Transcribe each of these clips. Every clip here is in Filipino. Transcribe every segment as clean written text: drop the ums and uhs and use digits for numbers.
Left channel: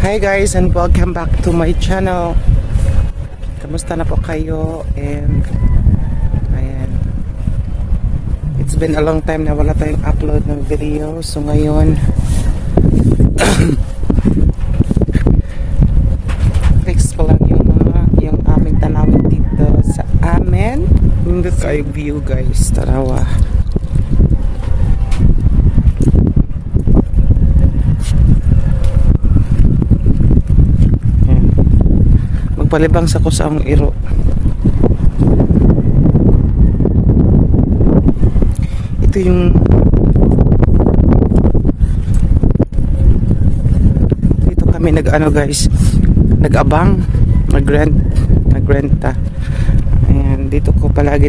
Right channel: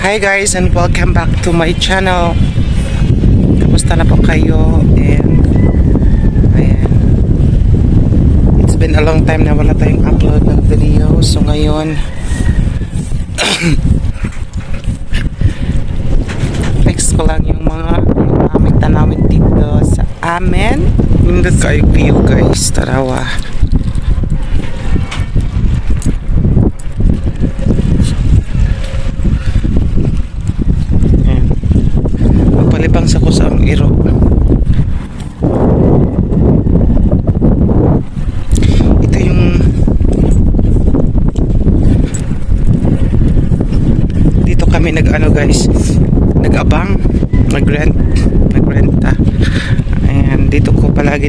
Hi guys and welcome back to my channel. Kamusta na po kayo? And ayan, it's been a long time na wala tayong upload ng video. So ngayon fix ko lang yung aming tanawin dito sa amin. Nindot kayo view guys, tarawa. Palibang sa ko sa among iro. Ito yung dito kami nag-ano guys, nag-abang, nagrenta. Ayan, dito ko palagi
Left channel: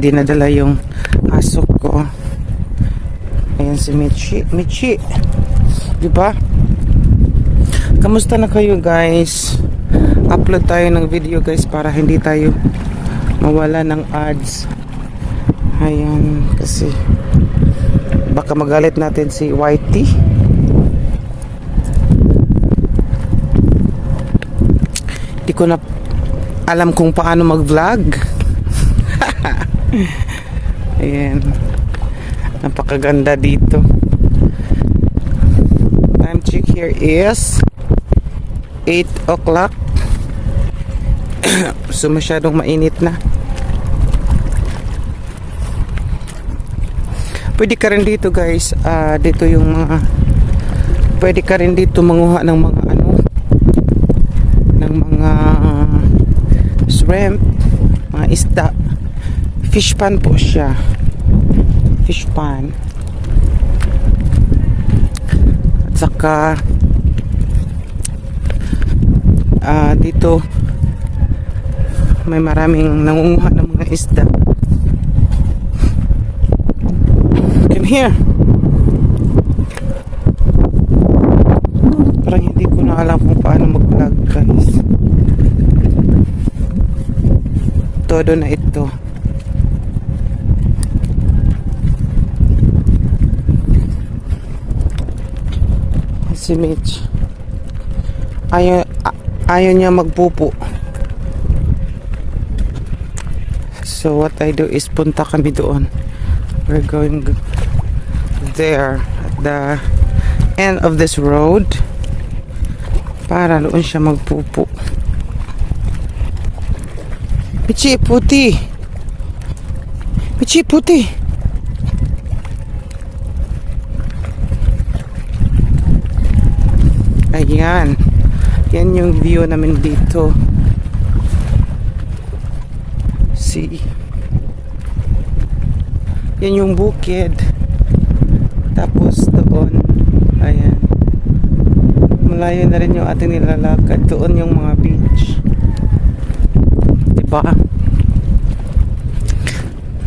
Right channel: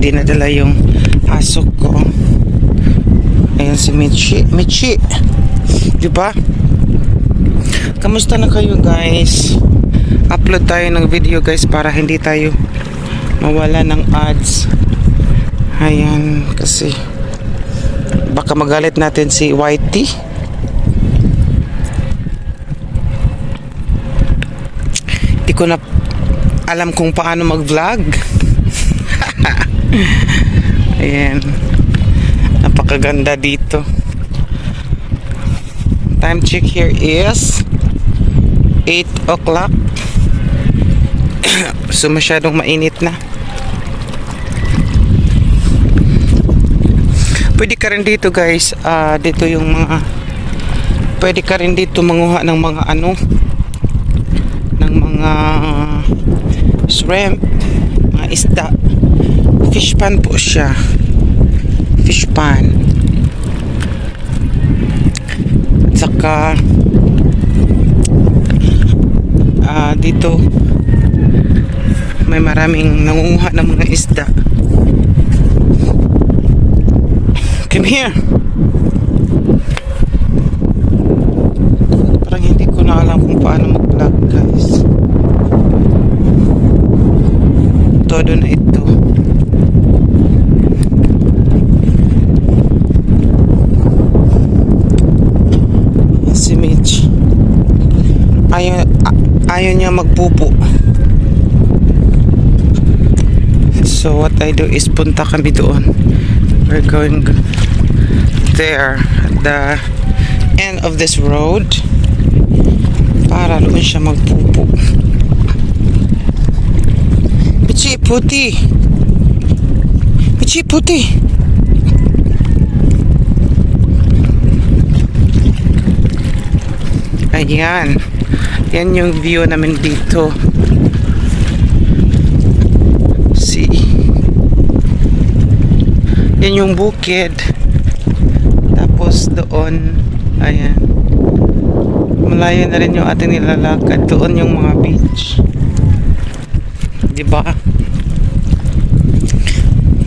dinadala yung aso ko. Ayan si Michi, diba? Kamusta na kayo guys? Upload tayo ng video guys para hindi tayo mawala ng ads. Ayan, kasi baka magalit natin si YT. Hindi ko na alam kung paano mag vlog. Ayan, napakaganda dito. Time check here is 8 o'clock. So masyadong mainit na. Pwede ka rin dito guys, dito yung mga pwede ka rin dito manguha ng mga ano, ng mga shrimp, mga isda. Fish pan po siya, fish pan. At saka dito may maraming nangunguha ng mga isda. Come here. Parang hindi ko na alam kung paano mag-vlog guys. Todo na ito. Si Mitch ayaw niya magpupo. So what I do is punta kami doon. We're going there at the end of this road para doon siya magpupo. Pichi puti, pichi puti. Ayan, yan yung view namin dito. Yan yung bukid. Tapos doon, ayan, malayo na rin yung ating nilalakad. Doon yung mga beach, diba?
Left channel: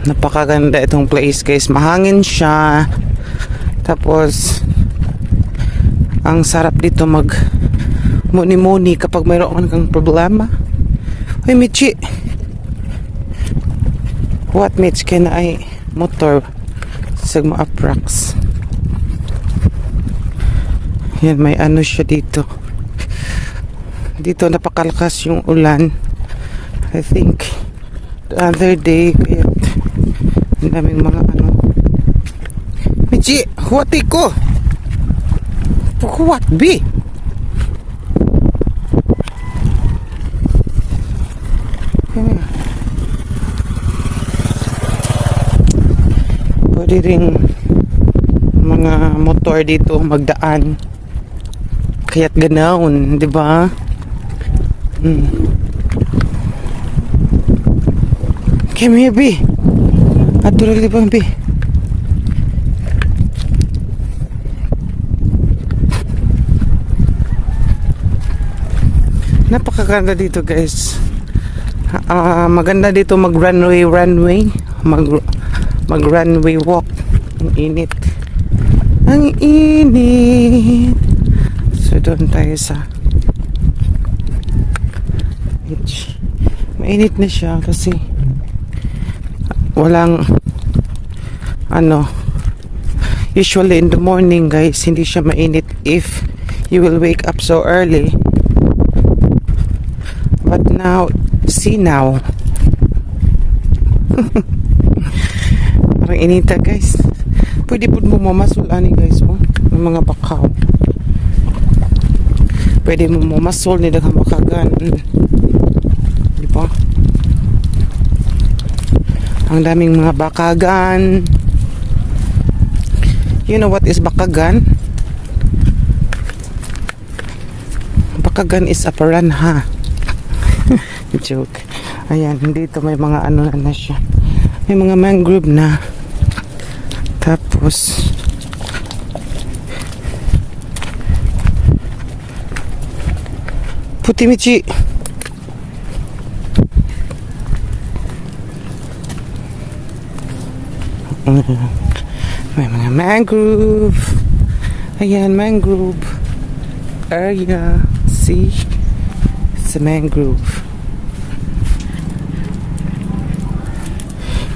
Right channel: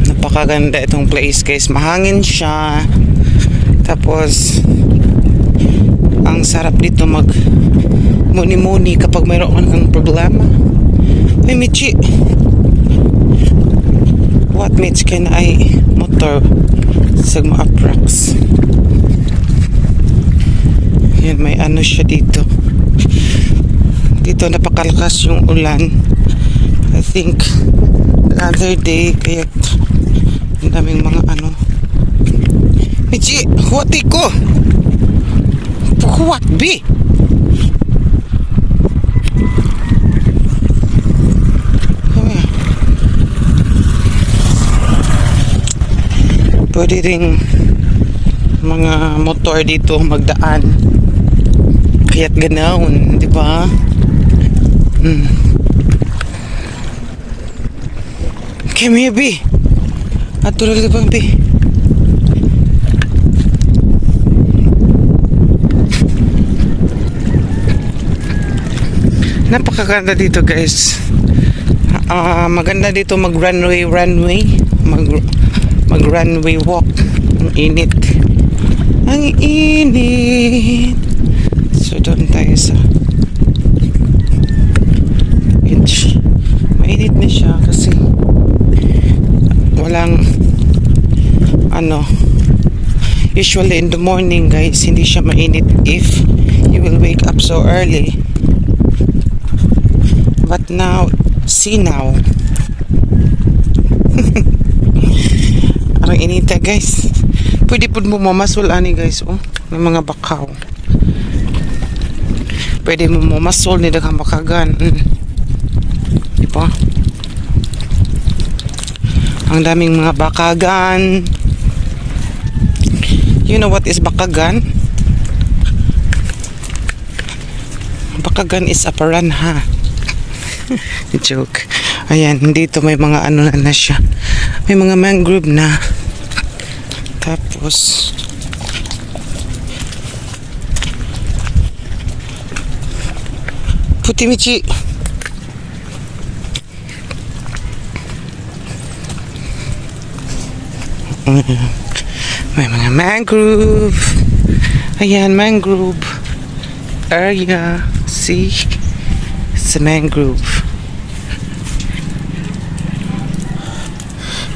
Napakaganda itong place guys. Mahangin siya. Tapos ang sarap dito mag muni-muni kapag mayroon kang problema. Hey Michi, what Mitch can I motor sa mga approx. Yan, may ano siya dito. Dito napakalakas yung ulan. I think the other day kaya ang daming mga ano. Michi, huwati ko. Huwat bi. Pwede rin mga motor dito magdaan. Kaya't ganaon, di ba? Come here, B. Adurali bang, B? Napakaganda dito, guys. Maganda dito mag-runway mag-runway walk. Ang init. Ang init. So doon tayo sa beach. Mainit na siya kasi walang ano, usually in the morning guys hindi siya mainit if you will wake up so early. But now, see now. Parang inita guys. Pwede po mo mamasol ani guys, oh. May mga bakaw. Pwede mo mamasol ni daghang bakagan. Di ba? Ang daming mga bakagan. You know what is bakagan? Bakagan is a piranha. Joke. Ayan, dito may mga ano na siya. May mga mangrove na. Tapos puti Michi. May mga mangrove. Ayan, mangrove area. See? It's a mangrove.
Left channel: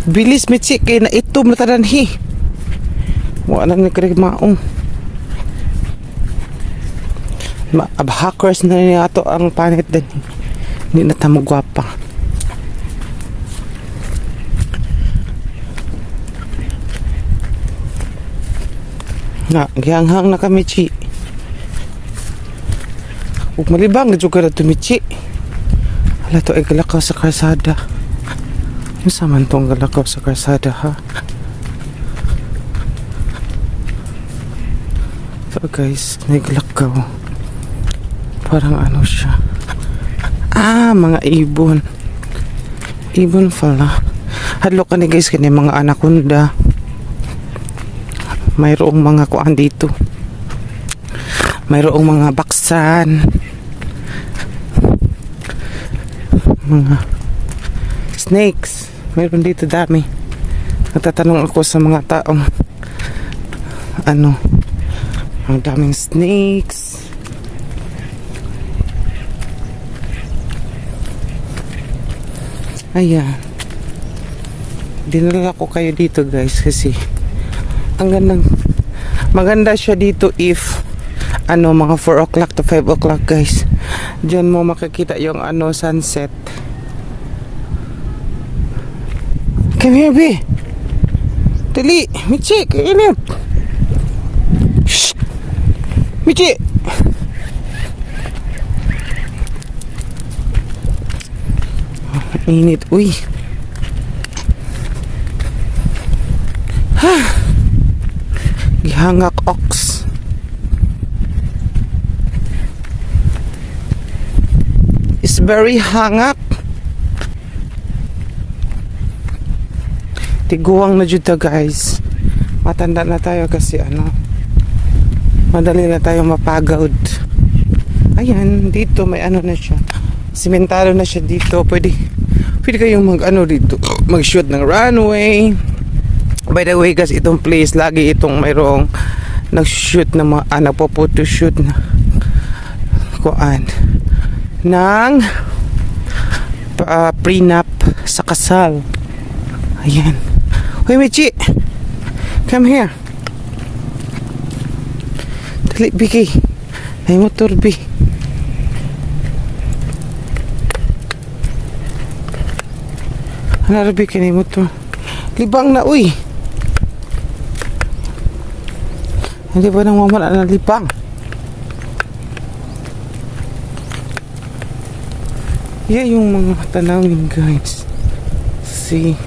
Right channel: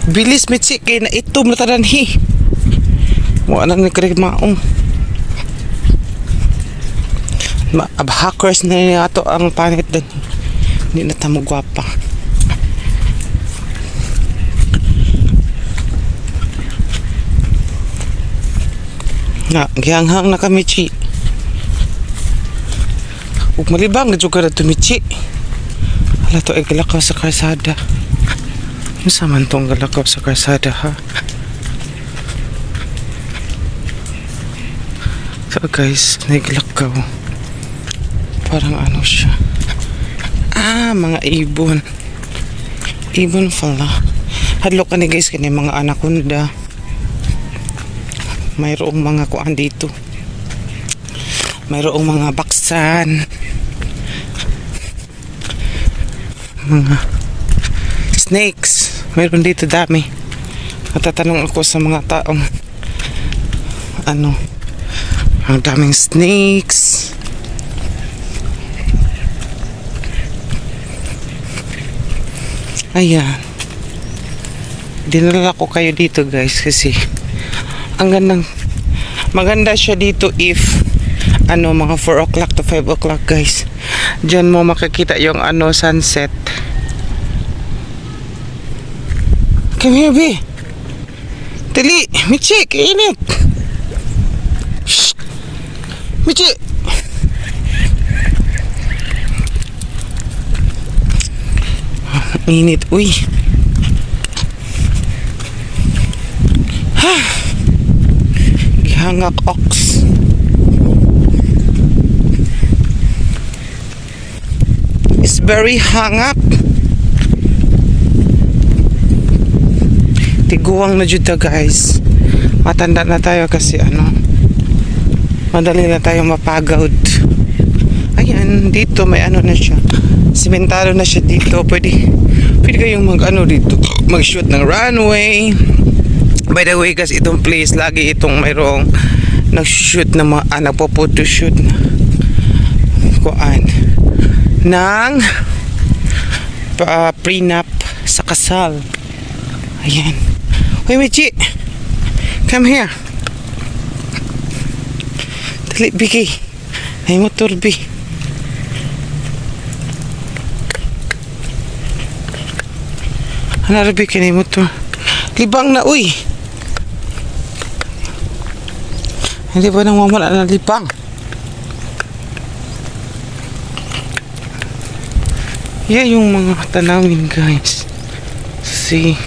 Bilis Michi, kaya na ito matadanhi. Wala na nagkarig maong. Hackers na niya ito ang pangit din. Hindi na tamo gwapa. Nga, gihanghang na kami Michi. Huwag malibang na juga na ito Michi. Wala ito ay galakaw sa karsada. Ano saman itong galakaw sa karsada ha? So guys, naglakaw. Parang ano siya. Mga ibon. Ibon pala. Hadlo ka ni guys kani mga anaconda. Mayroong mga kuan dito. Mayroong mga baksan. Mga snakes. Mayroon dito dami. Matatanong ako sa mga taong ano, ang daming snakes. Ayan. Dinala ko kayo dito guys kasi ang gandang, maganda siya dito if ano, mga 4 o'clock to 5 o'clock guys. Diyan mo makikita yung ano, sunset. Come here, B. Dali, Michi, kainit. Shh. Michi. Init, uy. Ha. Ihangak ox. It's very hangak. Tiguang na dyan guys. Matanda na tayo kasi ano, madali na tayo mapagod. Ayan, dito may ano na siya. Simentado na siya dito. Pwede kayong mag ano dito, mag shoot ng runway. By the way guys, itong place lagi itong mayroong nag shoot na mga nagpo-photo shoot na kuan ng prenup sa kasal. Ayan. Uy, Michi. Come here. Dali, Biki. Ay, motor, Bi. Ano, Biki, na motor. Libang na, uy. Hindi ba nang mamala na libang? Yeah, yung mga tanawin, guys. See?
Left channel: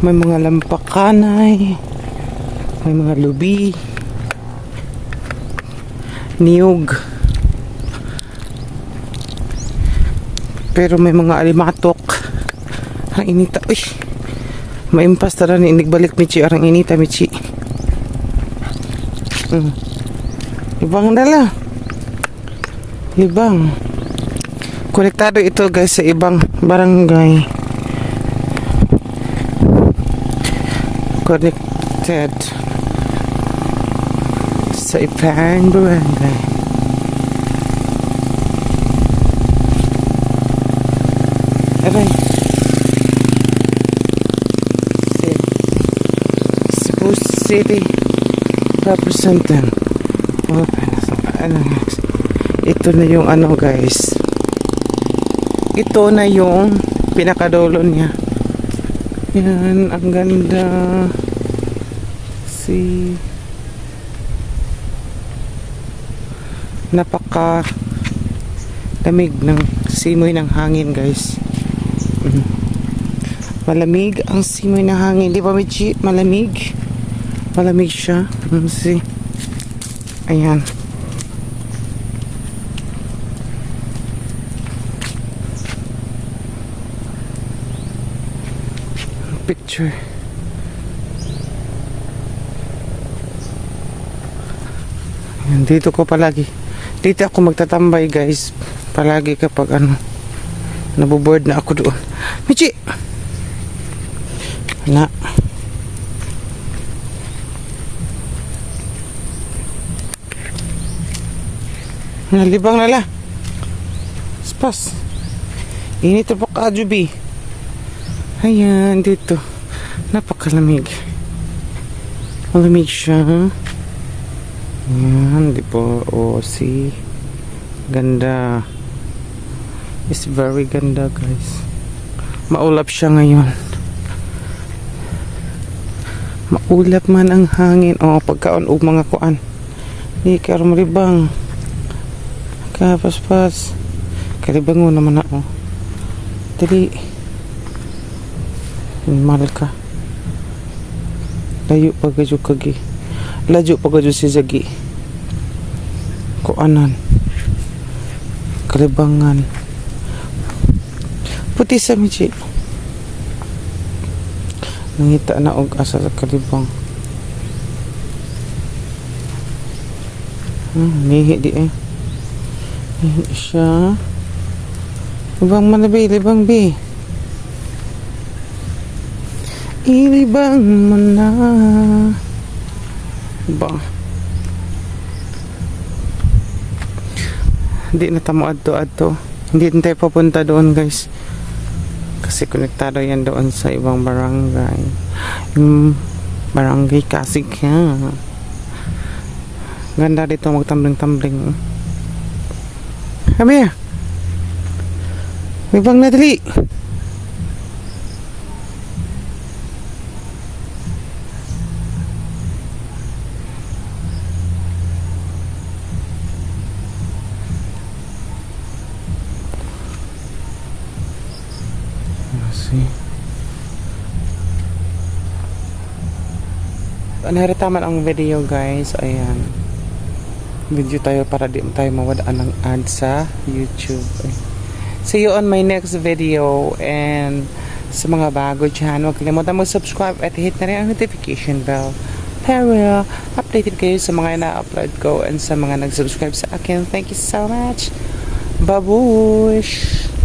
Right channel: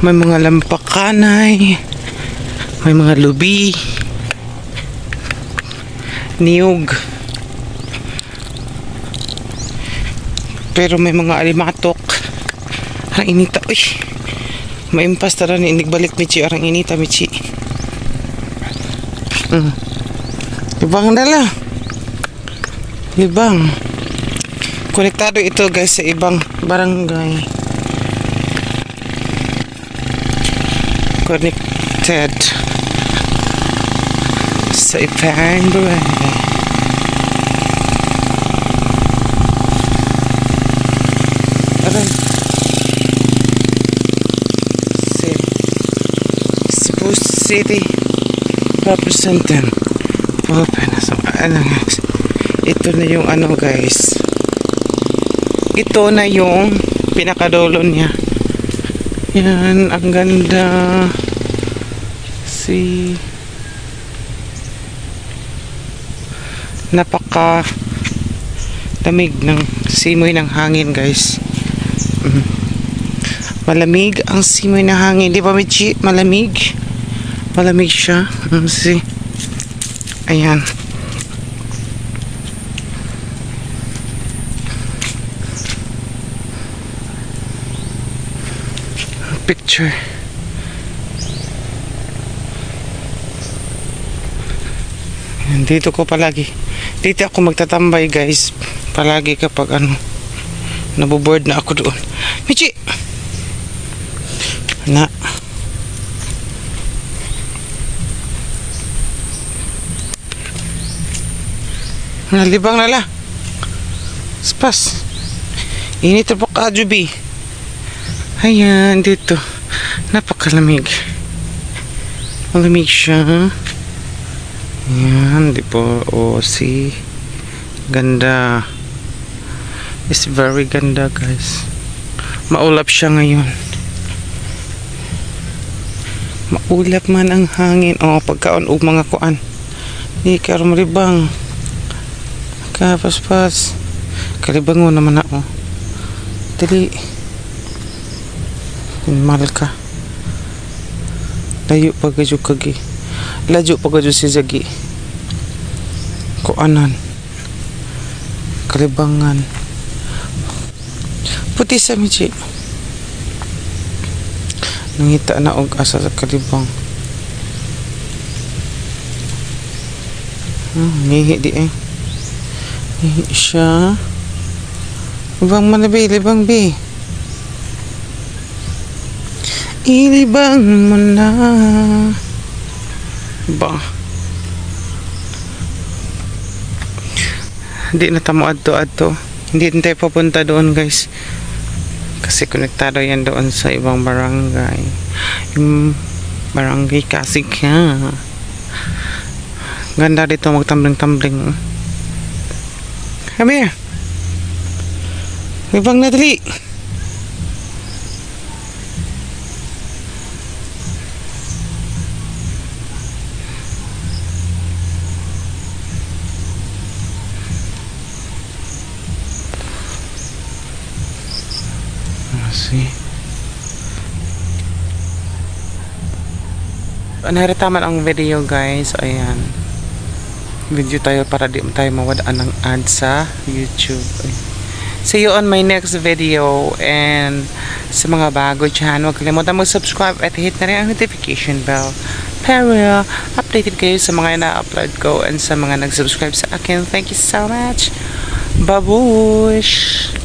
May mga lampakanay, may mga lubi, niyog, pero may mga alimatok. Ang inita, uy, maimpas tara na inigbalik Michi, arang inita Michi. Libang dala, libang. Konektado ito guys sa ibang barangay. Connected sa ibang barangay. Aray. Cebu City representative. Open na. So, ano guys. Ito na yung ano guys. Ito na yung pinakadulo niya. Yan, ang ganda. See. Napaka lamig ng simoy ng hangin guys. Malamig ang simoy ng hangin. Di ba Michi? Malamig. Malamig siya. See. Ayan. Picture. Dito ko palagi. Dito ako magtatambay guys. Palagi kapag ano. Naboboard na ako doon. Michi! Na. Nalibang nala. Spas. Init po ka, Juby. Ayan, dito. Napakalamig. Malamig siya. Ayan, di po. O, see. Ganda. It's very ganda, guys. Maulap siya ngayon. Maulap man ang hangin. O, pagkaon o mga kuan. Di karumaribang. Kapaspas. Kalibango naman ako. Dali. Mahal ka. Layo pa gadyo kagi. Layo pa gadyo si Zagi. Kuanan. Kalibangan. Puti sa Michi. Nangita na og asa sa kalibang. Nihi di eh. Nihi siya. Libang manabi, libang bi. Ilibang mo na. Ba? Hindi na tamo adto. Hindi na tayo papunta doon guys. Kasi konektado yan doon sa ibang barangay. Yung barangay Kasigya. Ganda dito magtambling-tambling. Come here. Ibang na dali. See. Naritaman ang video guys. Ayan. Video tayo para di tayo mawadaan ng ad sa YouTube. See you on my next video. And sa mga bago dyan, huwag kalimutan mag-subscribe at hit na rin ang notification bell para updated kayo sa mga na-upload ko and sa mga nag-subscribe sa akin. Thank you so much. Babush!